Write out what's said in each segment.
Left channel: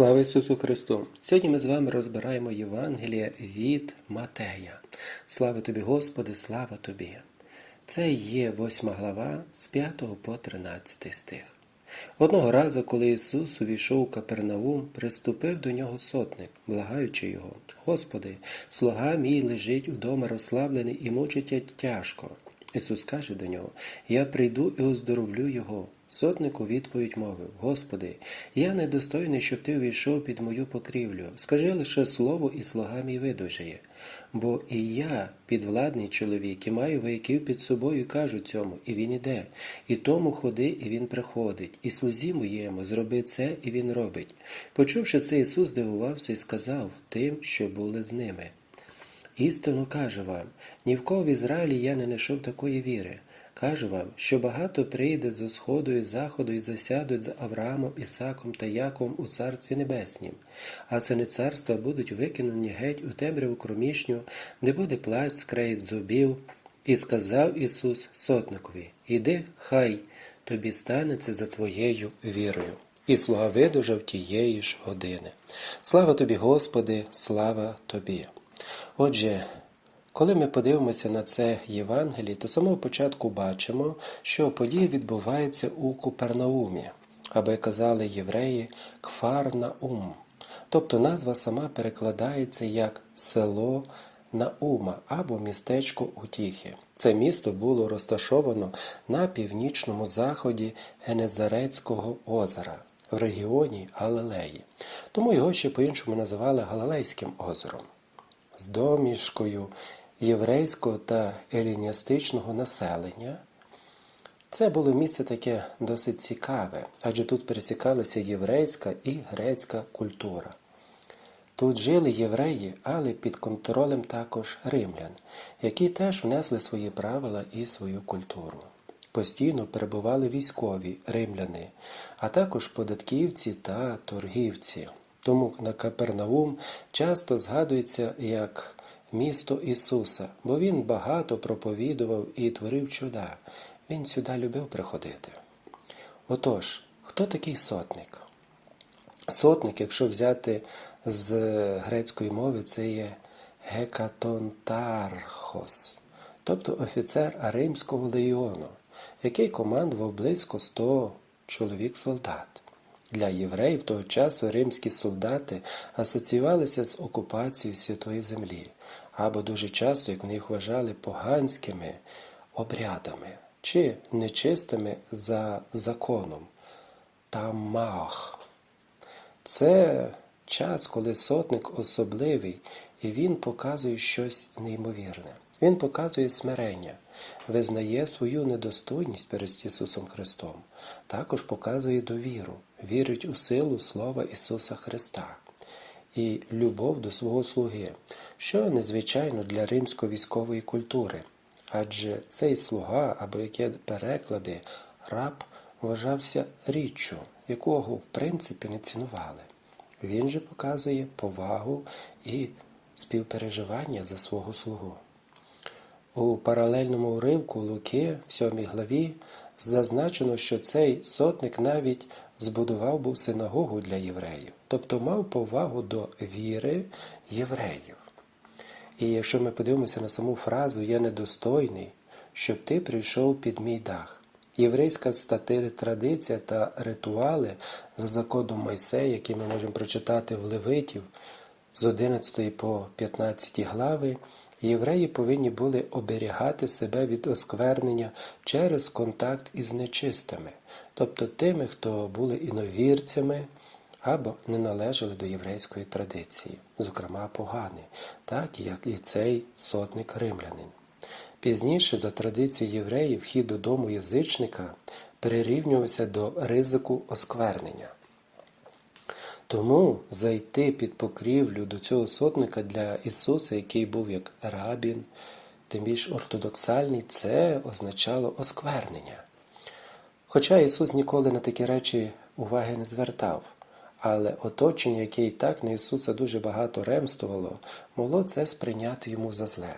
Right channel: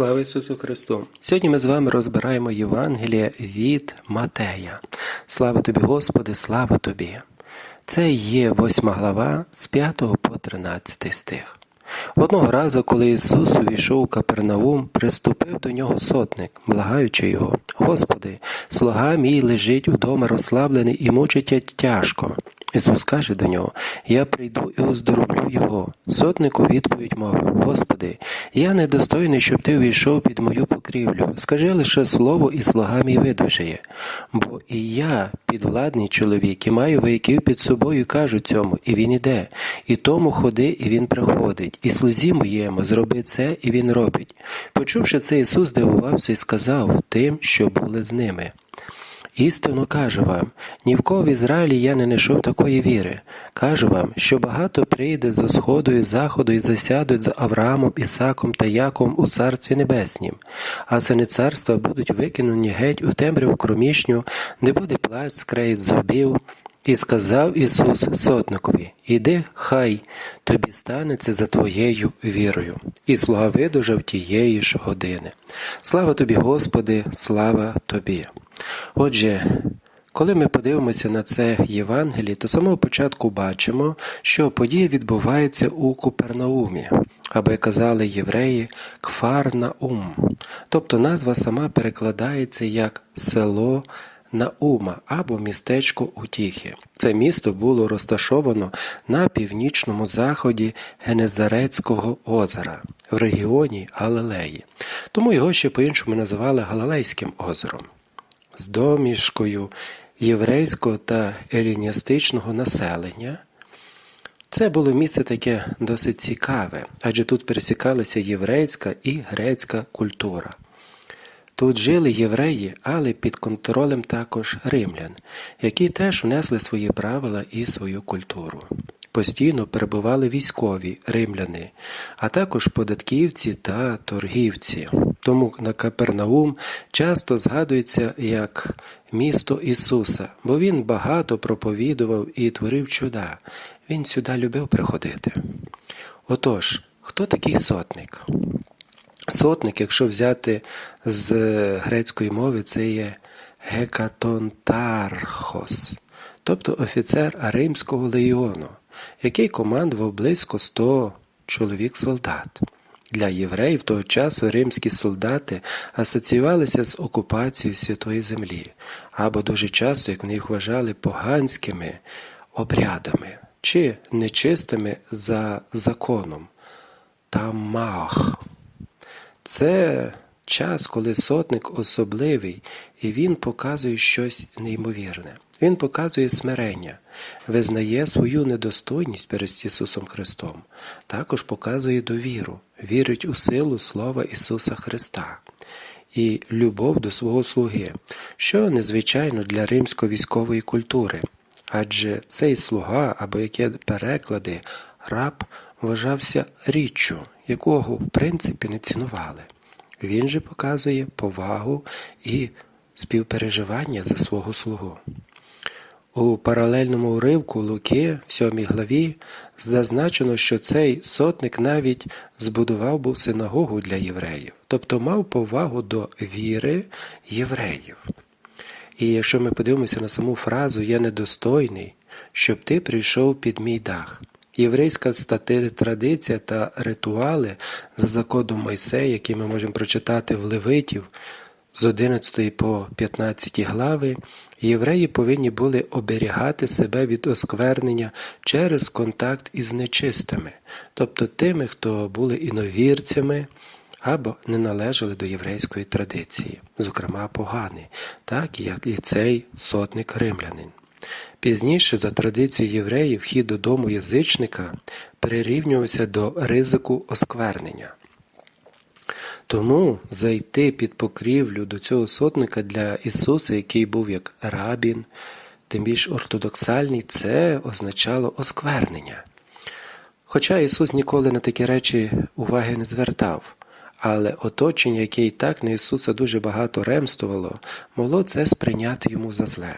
Слава Ісусу Христу! Сьогодні ми з вами розбираємо Євангеліє від Матея. Слава тобі, Господи, слава тобі! Це є восьма глава з 5 по 13 стих. Одного разу, коли Ісус увійшов у Капернаум, приступив до нього сотник, благаючи його, Господи, слуга мій лежить удома розслаблений і мучить тяжко. Ісус каже до нього: Я прийду і оздоровлю його. Сотник у відповідь мовив: Господи, я недостойний, щоб ти увійшов під мою покрівлю. Скажи лише слово, і слуга мій видужає. Бо і я, підвладний чоловік, і маю вояків під собою, кажу цьому, і він іде, і тому ходи, і він приходить, і слузі моєму зроби це, і він робить. Почувши це, Ісус здивувався і сказав тим, що були з ними. Істинно кажу вам, ні в кого в Ізраїлі я не знайшов такої віри. Кажу вам, що багато прийде зо сходу і заходу і засядуть з Авраамом, Ісаком та Яком у Царстві Небеснім, а сини царства будуть викинені геть у темряву кромішню, де буде плач, скреїть зубів. І сказав Ісус сотникові, Іди, хай тобі станеться за твоєю вірою. І слуга видужав тієї ж години. Слава тобі, Господи, слава тобі! Отже, коли ми подивимося на це Євангеліє, то самого початку бачимо, що подія відбувається у Купернаумі, або казали євреї, Кфарнаум. Тобто назва сама перекладається як село Наума або містечко Утіхи. Це місто було розташовано на північному заході Генезарецького озера в регіоні Галилеї. Тому його ще по-іншому називали Галилейським озером з домішкою єврейського та еліністичного населення. Це було місце таке досить цікаве, адже тут пересікалася єврейська і грецька культура. Тут жили євреї, але під контролем також римлян, які теж внесли свої правила і свою культуру. Постійно перебували військові римляни, а також податківці та торгівці. Тому на Капернаум часто згадується як місто Ісуса, бо Він багато проповідував і творив чуда. Він сюди любив приходити. Отож, хто такий сотник? Сотник, якщо взяти з грецької мови, це є гекатонтархос, тобто офіцер Римського легіону, який командував близько 100 чоловік солдат. Для євреїв того часу римські солдати асоціювалися з окупацією Святої Землі, або дуже часто, як вони їх вважали, поганськими обрядами чи нечистими за законом. Тамах. Це час, коли сотник особливий, і він показує щось неймовірне. Він показує смирення, визнає свою недостойність перед Ісусом Христом, також показує довіру, вірить у силу Слова Ісуса Христа і любов до свого слуги, що незвичайно для римсько-військової культури, адже цей слуга, або яке переклади, раб вважався річчю, якого в принципі не цінували. Він же показує повагу і співпереживання за свого слугу. У паралельному уривку Луки в сьомій главі зазначено, що цей сотник навіть збудував був синагогу для євреїв, тобто мав повагу до віри євреїв. І якщо ми подивимося на саму фразу Я недостойний, щоб ти прийшов під мій дах. Єврейська стати традиція та ритуали за законом Мойсея, які ми можемо прочитати в Левитів з 11 по 15 глави, євреї повинні були оберігати себе від осквернення через контакт із нечистими, тобто тими, хто були іновірцями або не належали до єврейської традиції, зокрема погани, так як і цей сотник римлянин. Пізніше, за традицією євреїв, вхід додому язичника прирівнювався до ризику осквернення. Тому зайти під покрівлю до цього сотника для Ісуса, який був як рабін, тим більш ортодоксальний, це означало осквернення. Хоча Ісус ніколи на такі речі уваги не звертав, але оточення, яке і так на Ісуса дуже багато ремствувало, могло це сприйняти йому за зле.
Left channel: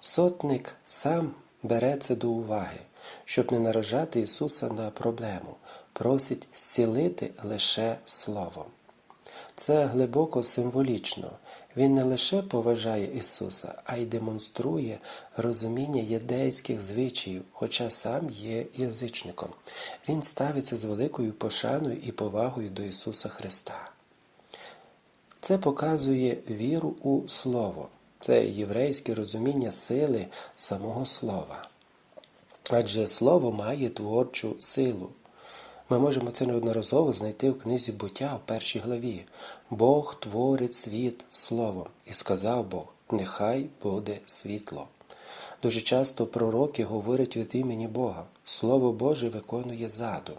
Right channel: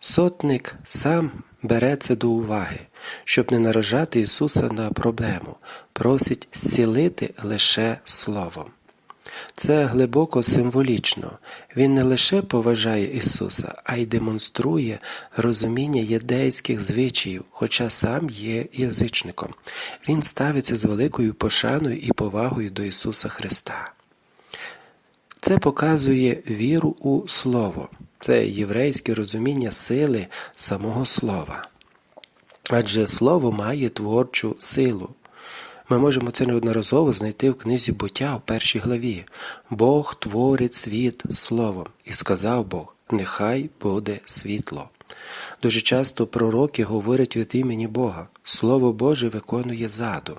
Сотник сам бере це до уваги, щоб не наражати Ісуса на проблему, просить зцілити лише Словом. Це глибоко символічно. Він не лише поважає Ісуса, а й демонструє розуміння єдейських звичаїв, хоча сам є язичником. Він ставиться з великою пошаною і повагою до Ісуса Христа. Це показує віру у Слово, це єврейське розуміння сили самого Слова. Адже Слово має творчу силу. Ми можемо це неодноразово знайти в книзі буття в першій главі. Бог творить світ словом, і сказав Бог: Нехай буде світло. Дуже часто пророки говорять від імені Бога, Слово Боже виконує задум.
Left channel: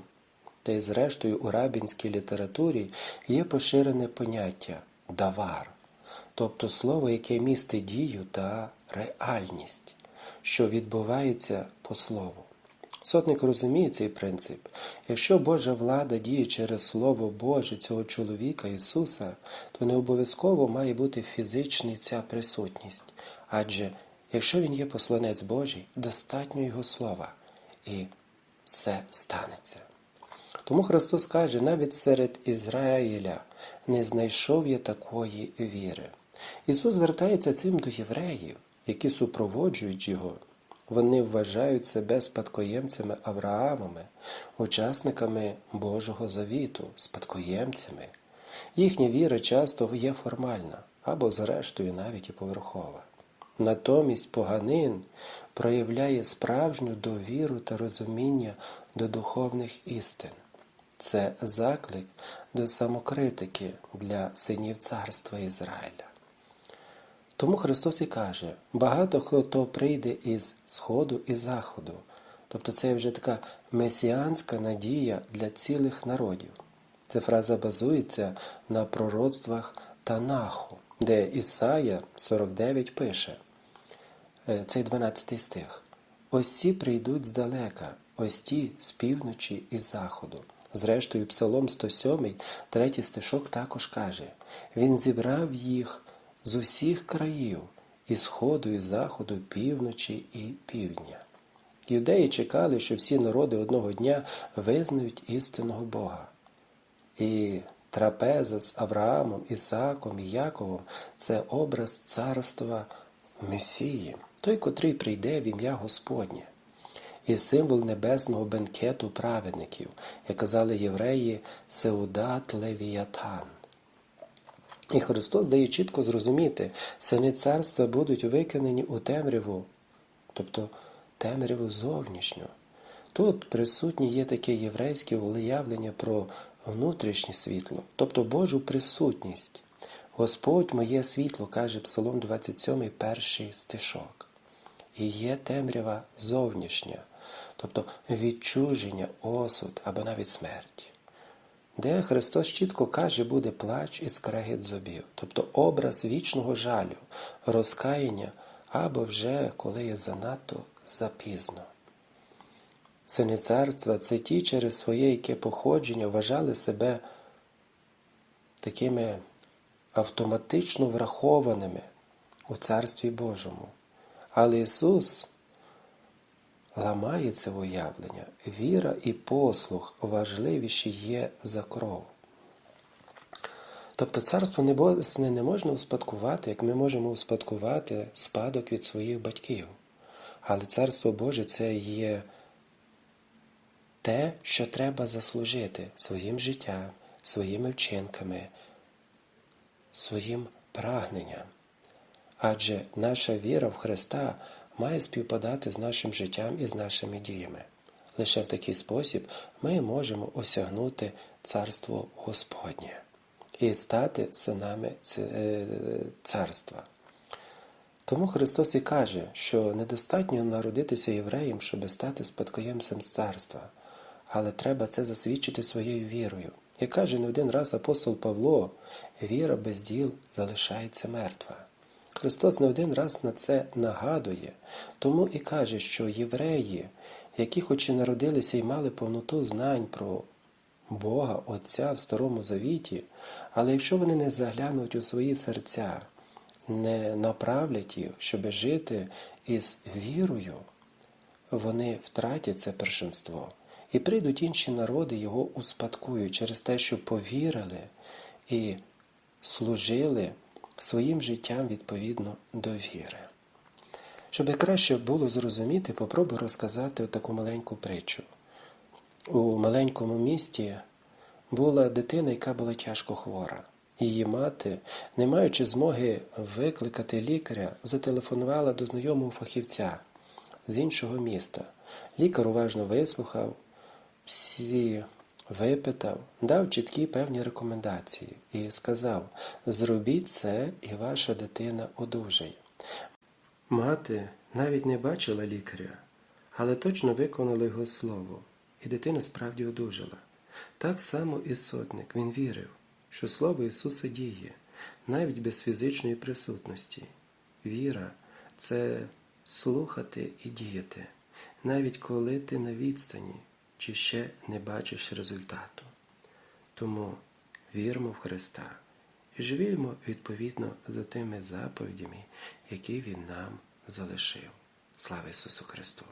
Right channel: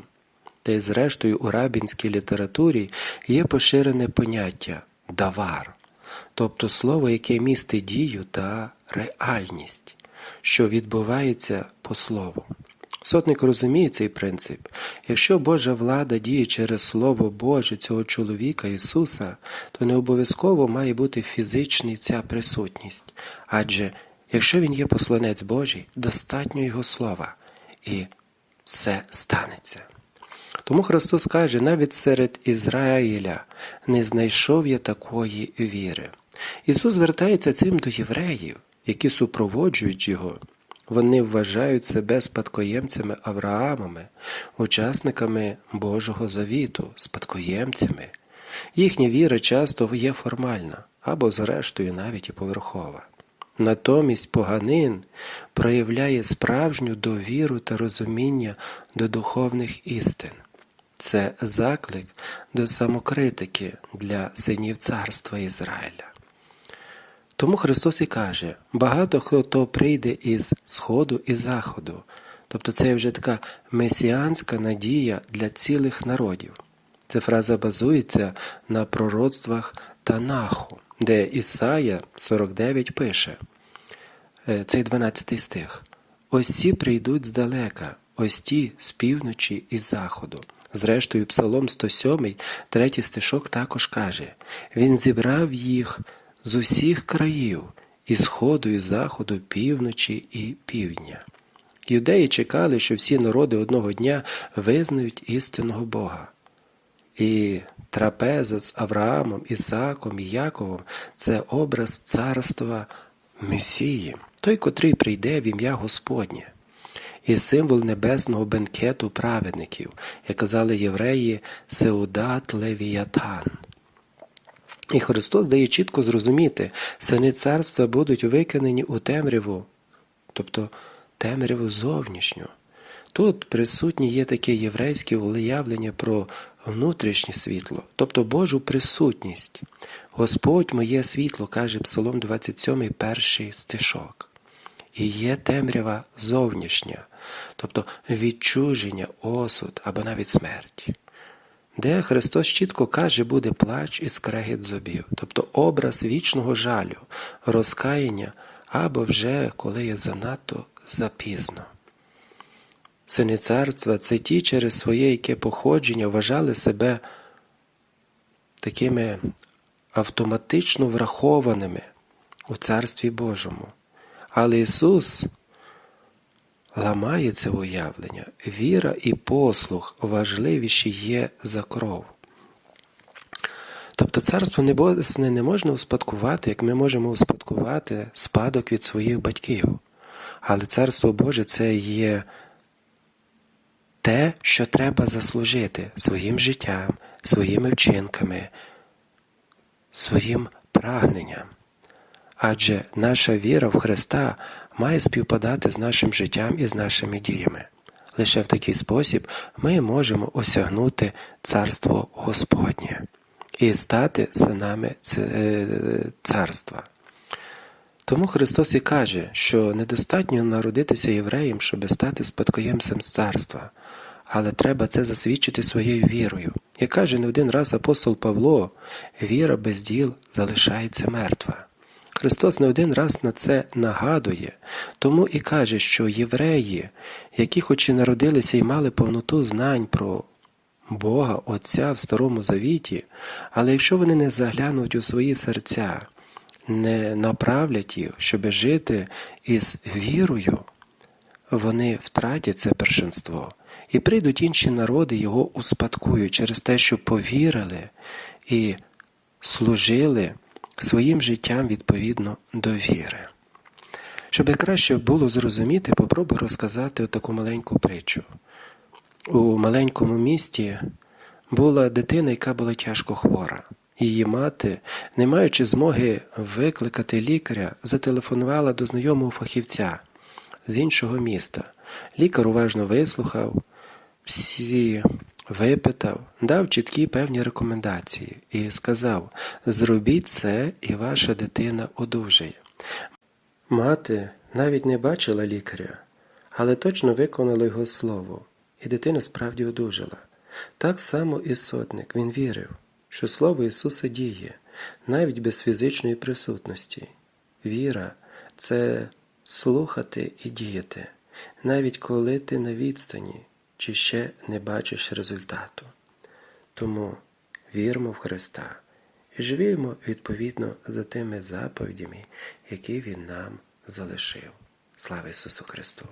Та й зрештою у рабінській літературі є поширене поняття давар, тобто слово, яке містить дію та реальність, що відбувається по слову. Сотник розуміє цей принцип. Якщо Божа влада діє через Слово Боже цього чоловіка Ісуса, то не обов'язково має бути фізичний ця присутність. Адже якщо Він є посланець Божий, достатньо Його слова, і все станеться. Тому Христос каже, навіть серед Ізраїля не знайшов я такої віри. Ісус звертається цим до євреїв, які супроводжують Його. Вони вважають себе спадкоємцями Авраамами, учасниками Божого завіту, спадкоємцями. Їхня віра часто є формальна або, зрештою, навіть і поверхова. Натомість поганин проявляє справжню довіру та розуміння до духовних істин. Це заклик до самокритики для синів царства Ізраїля. Тому Христос і каже, багато хто прийде із Сходу і Заходу. Тобто це вже така месіанська надія для цілих народів. Ця фраза базується на пророцтвах Танаху, де Ісая 49 пише, е, цей 12 стих. Ось ці прийдуть здалека, ось ті з півночі і заходу. Зрештою, Псалом 107, третій стишок також каже: Він зібрав їх з усіх країв, і сходу, і заходу, півночі і півдня. Юдеї чекали, що всі народи одного дня визнають істинного Бога. І трапеза з Авраамом, Ісаком і Яковом це образ царства Месії, той, котрий прийде в ім'я Господнє, і символ небесного бенкету праведників, як казали євреї, Сеудат Левіятан. І Христос дає чітко зрозуміти, сини царства будуть викинені у темряву, тобто темряву зовнішню. Тут присутні є таке єврейське уявлення про внутрішнє світло, тобто Божу присутність. Господь моє світло, каже Псалом 27, перший стишок. І є темрява зовнішня, тобто відчуження, осуд або навіть смерть де Христос чітко каже, буде плач і скрегіт зубів, тобто образ вічного жалю, розкаяння або вже коли є занадто запізно. Сини царства це ті через своє яке походження вважали себе такими автоматично врахованими у Царстві Божому. Але Ісус ламає це уявлення. Віра і послух важливіші є за кров. Тобто царство небесне не можна успадкувати, як ми можемо успадкувати спадок від своїх батьків. Але Царство Боже це є те, що треба заслужити своїм життям, своїми вчинками, своїм прагненням. Адже наша віра в Христа має співпадати з нашим життям і з нашими діями. Лише в такий спосіб ми можемо осягнути Царство Господнє і стати синами е, царства. Тому Христос і каже, що недостатньо народитися євреєм, щоб стати спадкоємцем царства, але треба це засвідчити своєю вірою. Як каже не один раз апостол Павло, віра без діл залишається мертва. Христос не один раз на це нагадує, тому і каже, що євреї, які хоч і народилися і мали повноту знань про Бога Отця в Старому Завіті, але якщо вони не заглянуть у свої серця, не направлять їх, щоб жити із вірою, вони втратять це першинство. І прийдуть інші народи, його успадкують через те, що повірили і служили своїм життям відповідно до віри. Щоб краще було зрозуміти, попробую розказати таку маленьку притчу. У маленькому місті була дитина, яка була тяжко хвора. Її мати, не маючи змоги викликати лікаря, зателефонувала до знайомого фахівця з іншого міста. Лікар уважно вислухав, всі випитав, дав чіткі певні рекомендації і сказав: зробіть це, і ваша дитина одужає. Мати навіть не бачила лікаря, але точно виконала його слово, і дитина справді одужала. Так само і сотник він вірив, що слово Ісуса діє, навіть без фізичної присутності. Віра це слухати і діяти, навіть коли ти на відстані чи ще не бачиш результату. Тому віримо в Христа і живімо відповідно за тими заповідями, які Він нам залишив. Слава Ісусу Христу!